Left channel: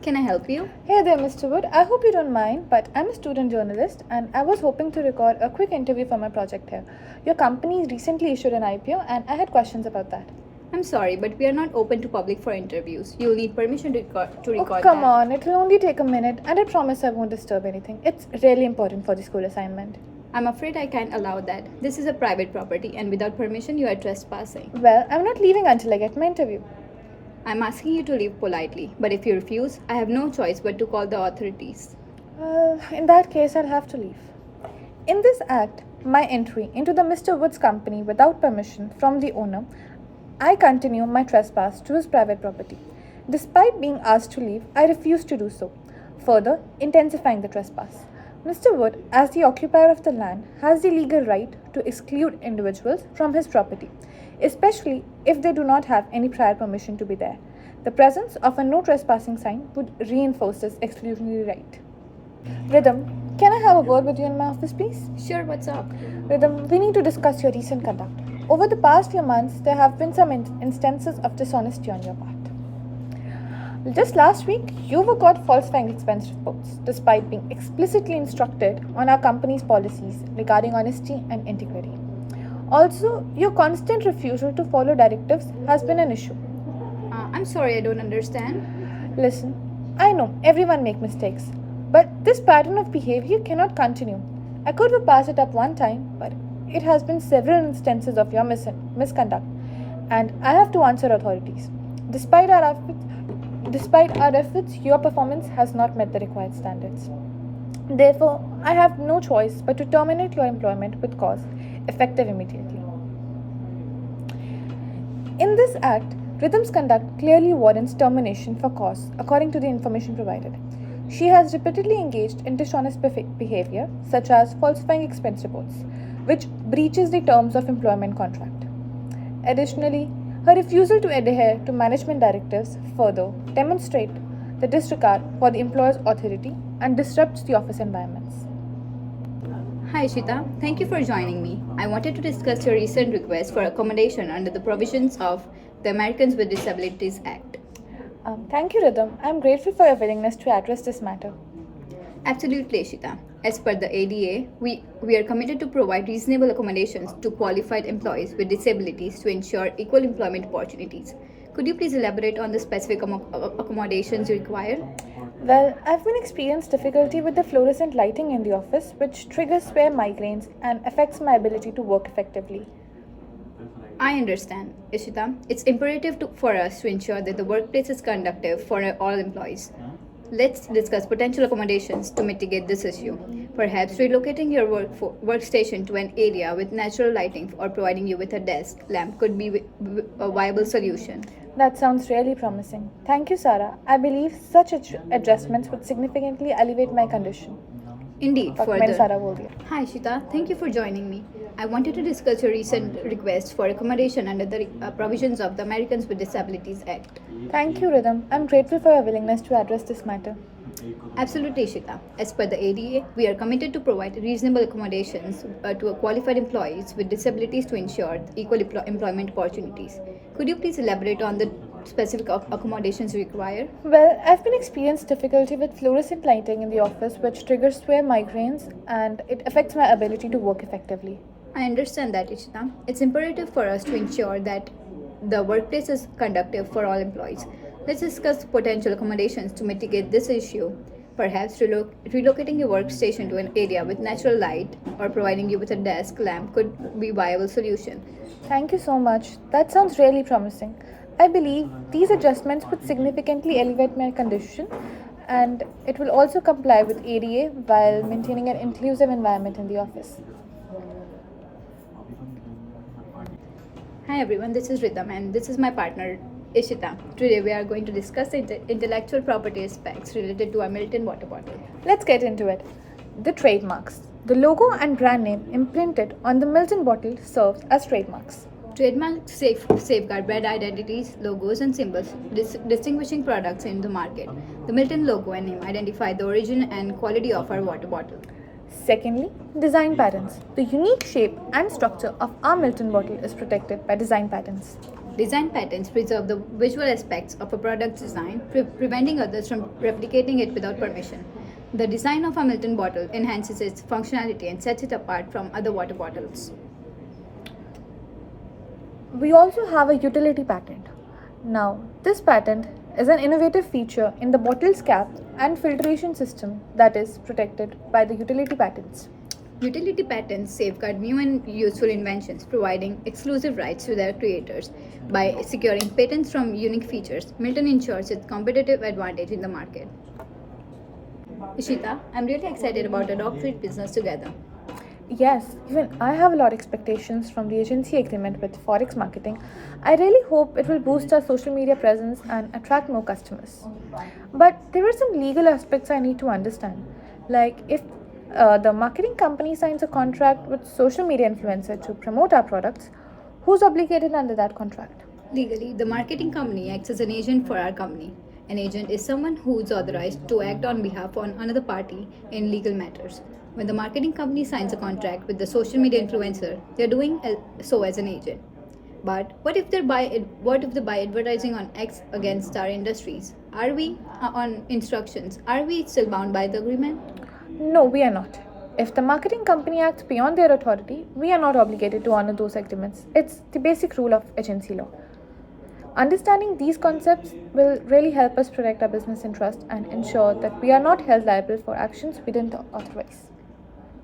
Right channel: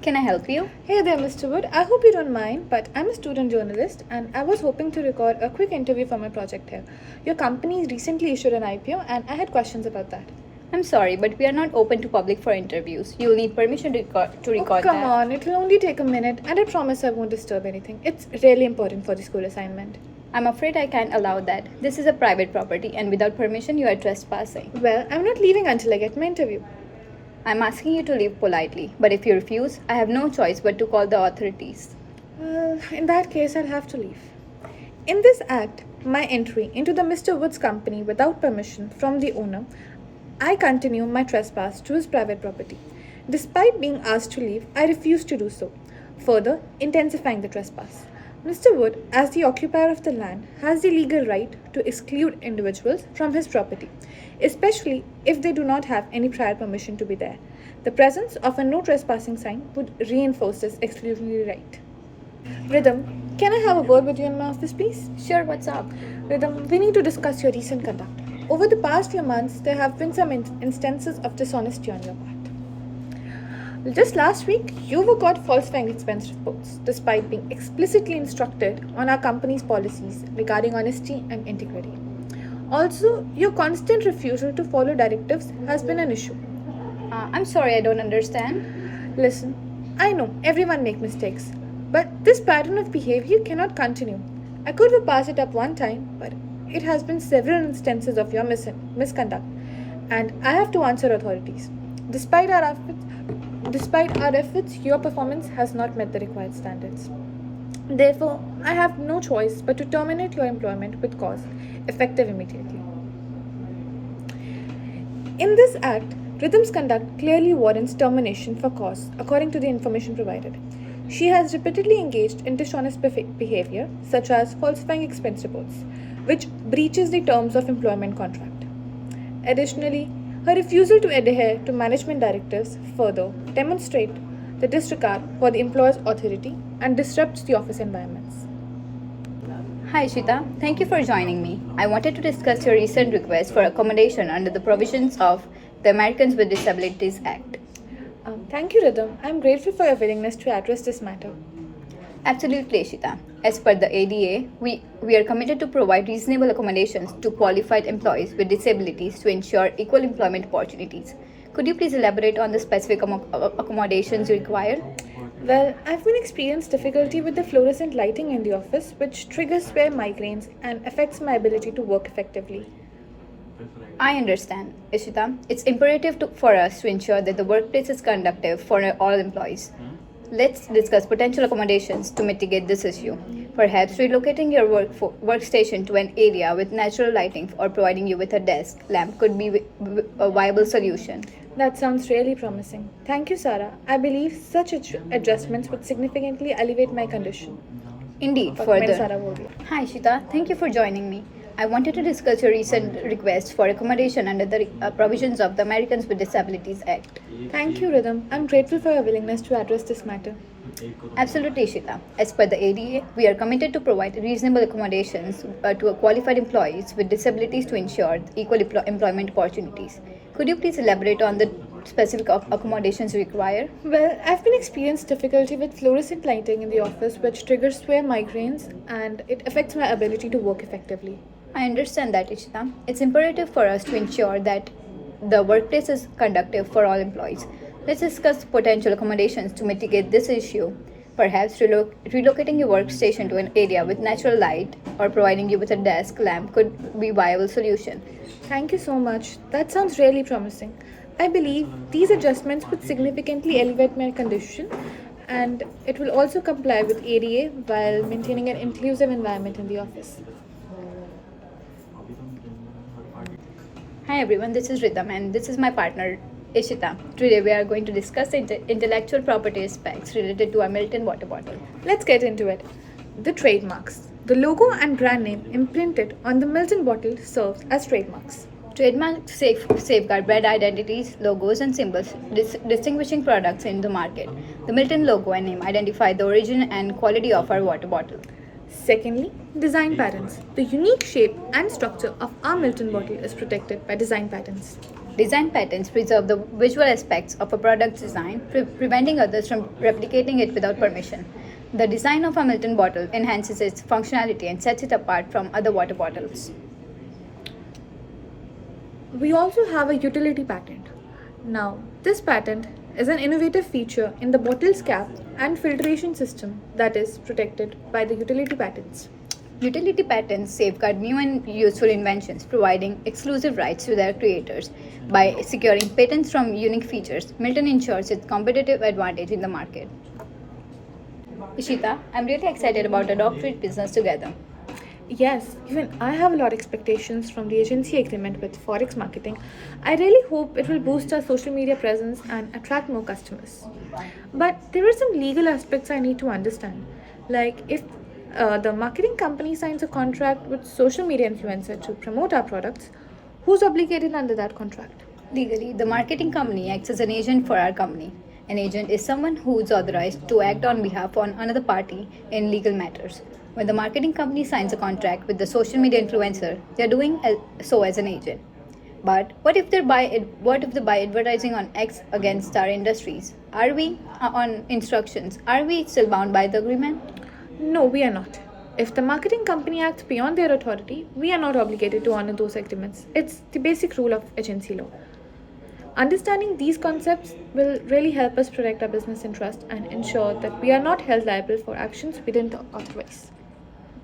Can I help you? Hey there, Mr. Wood. I hope you don't mind, but I'm a student journalist and I was hoping to record a quick interview for my project here. Your company recently issued an IPO and I had questions about that. I'm sorry, but we are not open to public for interviews. You'll need permission to record Come that. on, it'll only take a minute and I promise I won't disturb anything. It's really important for the school assignment. I'm afraid I can't allow that. This is a private property and without permission you are trespassing. Well, I'm not leaving until I get my interview. I'm asking you to leave politely, but if you refuse, I have no choice but to call the authorities. Well, in that case, I'll have to leave. In this act, my entry into the Mr. Wood's company without permission from the owner, I continue my trespass to his private property. Despite being asked to leave, I refuse to do so, further intensifying the trespass. Mr. Wood, as the occupier of the land, has the legal right to exclude individuals from his property, especially if they do not have any prior permission to be there. The presence of a no trespassing sign would reinforce this exclusionary right. Rhythm, can I have a word with you in my office, please? Sure, what's up? Rhythm, we need to discuss your recent conduct. Over the past few months, there have been some instances of dishonesty on your part. Just last week, you were caught falsifying expense reports, despite being explicitly instructed on our company's policies regarding honesty and integrity. Also, your constant refusal to follow directives has been an issue. I'm sorry, I don't understand. Listen, I know everyone makes mistakes, but this pattern of behavior cannot continue. I could have passed it up one time, but it has been several instances of your misconduct, and I have to answer authorities. Despite our efforts, your performance has not met the required standards. Therefore, I have no choice but to terminate your employment with cause, effective immediately. In this act, Rhythm's conduct clearly warrants termination for cause, according to the information provided. She has repeatedly engaged in dishonest behavior, such as falsifying expense reports, which breaches the terms of employment contract. Additionally, her refusal to adhere to management directives further demonstrate the disregard for the employer's authority and disrupts the office environments. Hi Shita, thank you for joining me. I wanted to discuss your recent request for accommodation under the provisions of the Americans with Disabilities Act. Thank you, Rhythm. I'm grateful for your willingness to address this matter. Absolutely, Shita. As per the ADA, we are committed to provide reasonable accommodations to qualified employees with disabilities to ensure equal employment opportunities. Could you please elaborate on the specific accommodations you require? Well, I've been experiencing difficulty with the fluorescent lighting in the office, which triggers severe migraines and affects my ability to work effectively. I understand, Ishita. It's imperative for us to ensure that the workplace is conducive for all employees. Let's discuss potential accommodations to mitigate this issue. Perhaps relocating your workstation to an area with natural lighting or providing you with a desk lamp could be a viable solution. That sounds really promising. Thank you, Sarah. I believe such adjustments would significantly alleviate my condition. Indeed, Sarah further. Wodia. Hi Shita, thank you for joining me. I wanted to discuss your recent request for accommodation under the provisions of the Americans with Disabilities Act. Thank you, Rhythm. I'm grateful for your willingness to address this matter. Absolutely, Shita. As per the ADA, we are committed to provide reasonable accommodations to qualified employees with disabilities to ensure equal employment opportunities. Could you please elaborate on the specific accommodations you require? Well, I've been experiencing difficulty with fluorescent lighting in the office, which triggers severe migraines and it affects my ability to work effectively. I understand that, Ishita. It's imperative for us to ensure that the workplace is conducive for all employees. Let's discuss potential accommodations to mitigate this issue. Perhaps relocating your workstation to an area with natural light or providing you with a desk lamp could be a viable solution. Thank you so much. That sounds really promising. I believe these adjustments would significantly elevate my condition and it will also comply with ADA while maintaining an inclusive environment in the office. Hi everyone, this is Rhythm and this is my partner Ishita. Today we are going to discuss the intellectual property aspects related to a Milton water bottle. Let's get into it. The trademarks. The logo and brand name imprinted on the Milton bottle serves as trademarks. Trademarks safeguard brand identities, logos, and symbols, distinguishing products in the market. The Milton logo and name identify the origin and quality of our water bottle. Secondly, design patents. The unique shape and structure of our Milton bottle is protected by design patents. Design patents preserve the visual aspects of a product's design, preventing others from replicating it without permission. The design of a Milton bottle enhances its functionality and sets it apart from other water bottles. We also have a utility patent. Now, this patent is an innovative feature in the bottle's cap and filtration system that is protected by the utility patents. Utility patents safeguard new and useful inventions, providing exclusive rights to their creators. By securing patents from unique features, Milton ensures its competitive advantage in the market. Ishita, I'm really excited about a doctorate business together. Yes, even I have a lot of expectations from the agency agreement with Forex Marketing. I really hope it will boost our social media presence and attract more customers. But there are some legal aspects I need to understand. Like if the marketing company signs a contract with social media influencer to promote our products, who's obligated under that contract? Legally, the marketing company acts as an agent for our company. An agent is someone who is authorized to act on behalf of another party in legal matters. When the marketing company signs a contract with the social media influencer, they are doing so as an agent. But what if they buy advertising on X against our industries? Are we on instructions? Are we still bound by the agreement? No, we are not. If the marketing company acts beyond their authority, we are not obligated to honor those agreements. It's the basic rule of agency law. Understanding these concepts will really help us protect our business interest and ensure that we are not held liable for actions we didn't authorize.